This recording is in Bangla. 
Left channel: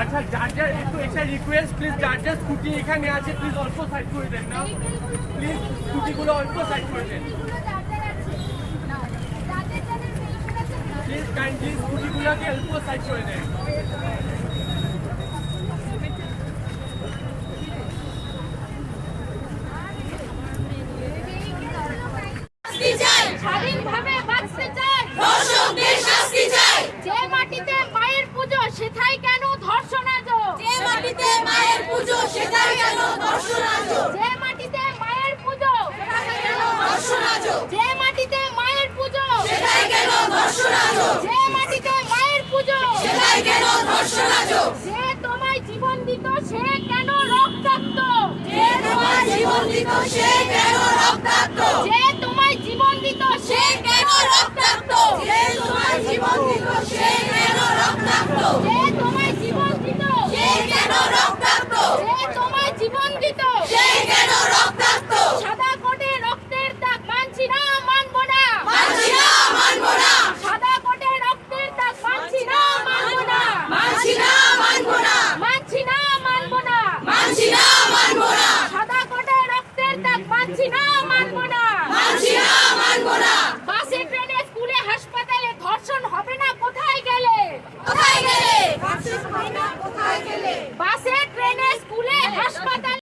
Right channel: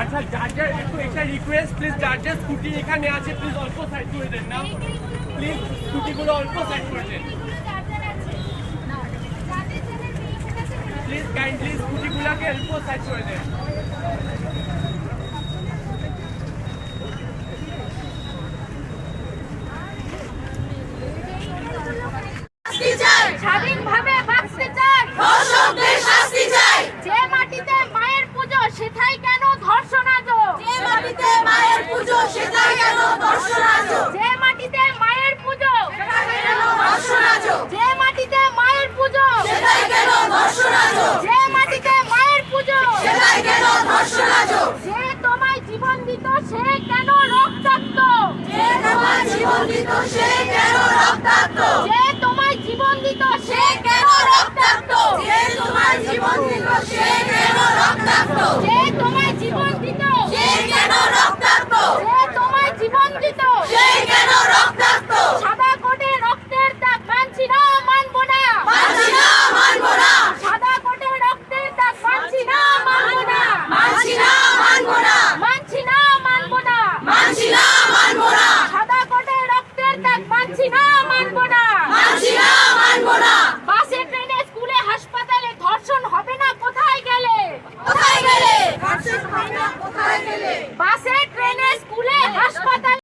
আচ্ছা জাজের একটু একটা রিকোয়েস্ট প্লিজ, জাজের স্কুটি এখানে আছে, প্লিজ অল্প সাইড করে দেন না, প্লিজ স্কুটিগুলো অল্প সাইড করে দেন, প্লিজ কাইন্ডলি স্কুটিগুলোকে অল্প সাইড করে দেন। স্বাধীনভাবে বাঁচতে চাই, ধর্ষকদের শাস্তি চাই। যে মাটিতে মায়ের পুজো সেথায় কেন ধর্ষণ আজ, যে মাটিতে মায়ের পুজো সেটাই কেন ধর্ষণ আজ, যে মাটিতে মায়ের পুজো সেটাই কেন ধর্ষণ আজ, যে মাটিতে মায়ের পুজো সেটাই কেন ধর্ষণ আজ, যে মাটিতে মায়ের পুজো সেটাই কেন ধর্ষণ আজ, যে তোমায় জীবন দিত সে কেন রক্তাক্ত, যে তোমার জীবন দিত সে কেন রক্তাক্ত, যে তোমায় জীবন দিত সে কেন রক্তাক্ত, যে তোমার জীবন দিত সে কেন রক্তাক্ত,